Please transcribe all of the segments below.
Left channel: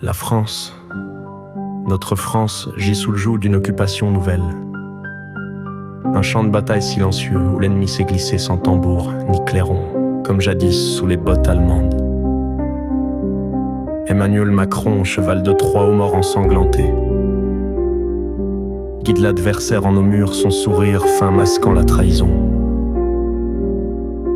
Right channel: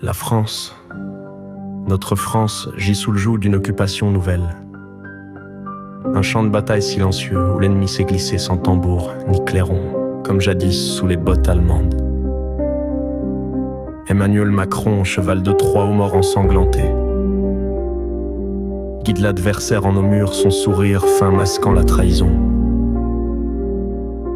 La France, notre France, gît sous le joug d'une occupation nouvelle. Un champ de bataille silencieux où l'ennemi s'est glissé sans tambour ni clairon, comme jadis sous les bottes allemandes. Emmanuel Macron, cheval de Troie aux morts ensanglantés, guide l'adversaire en nos murs, son sourire fin masquant la trahison.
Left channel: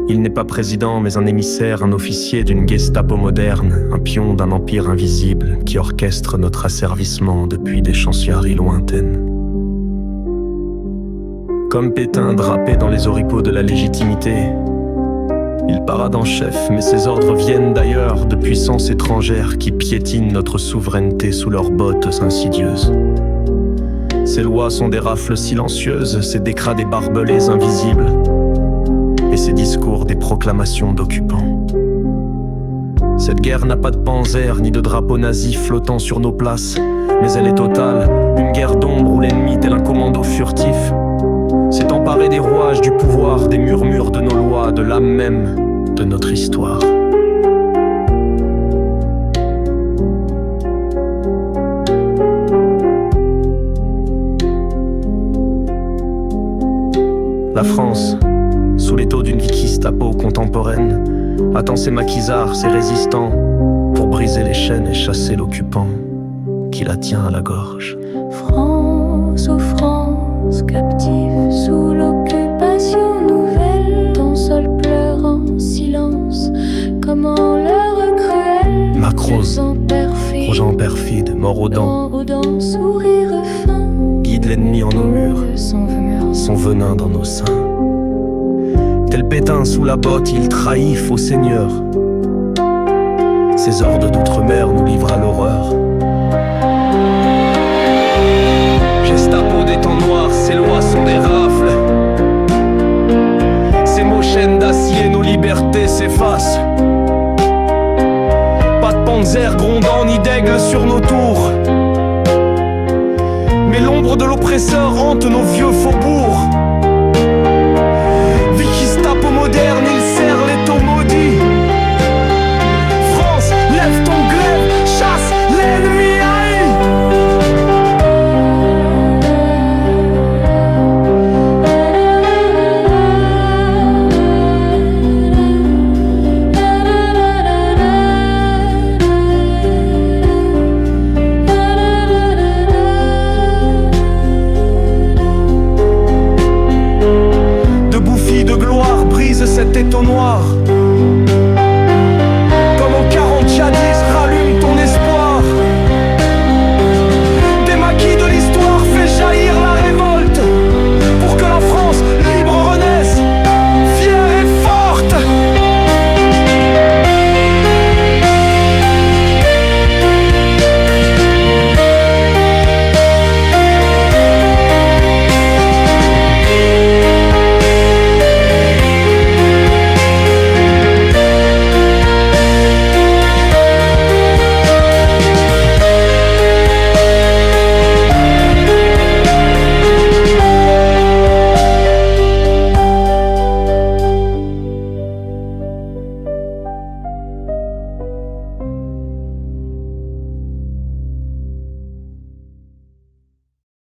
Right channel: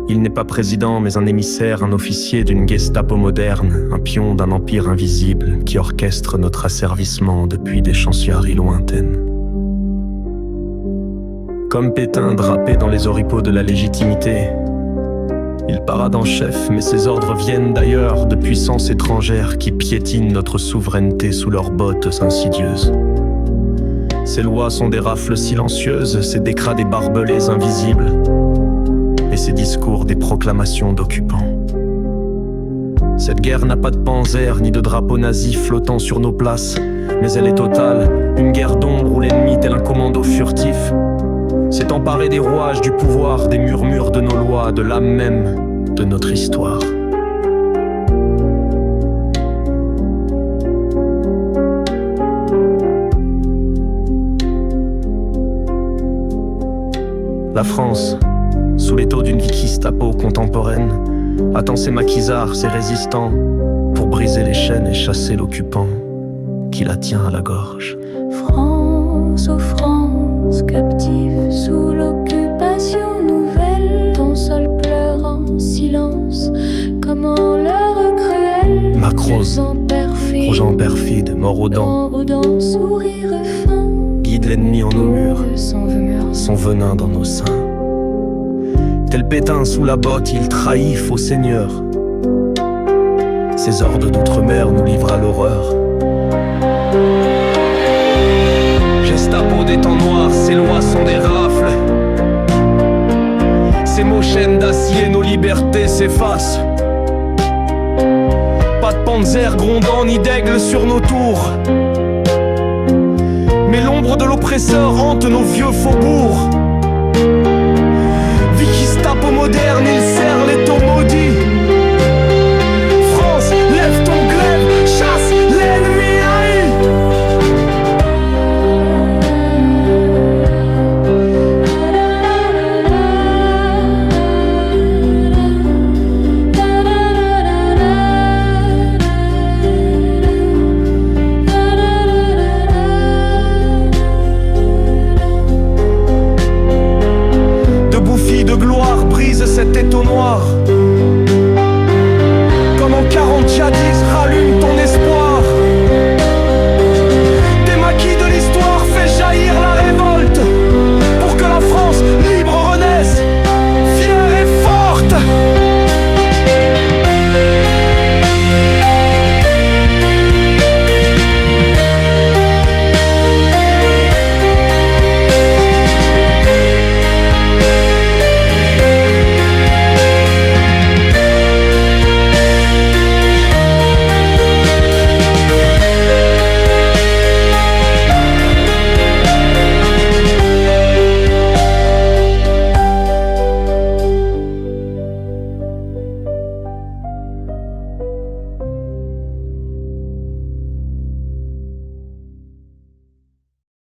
Il n'est pas président, mais un émissaire, un officier d'une Gestapo moderne, un pion d'un empire invisible qui orchestre notre asservissement depuis des chancelleries lointaines. Comme Pétain drapé dans les oripeaux de la légitimité, il parade en chef, mais ses ordres viennent d'ailleurs, de puissances étrangères qui piétinent notre souveraineté sous leurs bottes insidieuses. Ses lois sont des rafles silencieuses, ses décrets des barbelés invisibles, et ses discours des proclamations d'occupants. Cette guerre n'a pas de panzer ni de drapeau nazi flottant sur nos places, mais elle est totale, une guerre d'ombre où l'ennemi, tel un commando furtif, s'est emparé des rouages du pouvoir, des murmures de nos lois, de l'âme même de notre histoire. La France, sous l'étau d'une vie Gestapo contemporaine, attend ses maquisards, ses résistants, pour briser les chaînes et chasser l'occupant qui la tient à la gorge. France, ô France, captive sous l'occupation nouvelle, ton sol pleure en silence, comme en l'heure cruelle. Macrose, projet perfide, mort aux dents, sourire fin, guide l'ennemi en nos murs, son venin dans nos seins. Tel Pétain sous la botte, il trahit faux seigneur. Ses hordes d'outre-mer nous livrent à l'horreur. Gestapo des temps noirs, ses lois sont des rafles. Ces mots chaînes d'acier, nos libertés s'effacent. Pas de panzer grondant ni d'aigle sur nos tours, mais l'ombre de l'oppresseur hante nos vieux faubourgs. Gestapo moderne, il serre les taux maudits. France, lève ton glaive, chasse l'ennemi haï. Debout fille de gloire, brise cet étau noir. Comme en 40 jadis, rallume ton espoir. Des maquis de l'histoire, fais jaillir la révolte, pour que la France libre renaisse, fière et forte.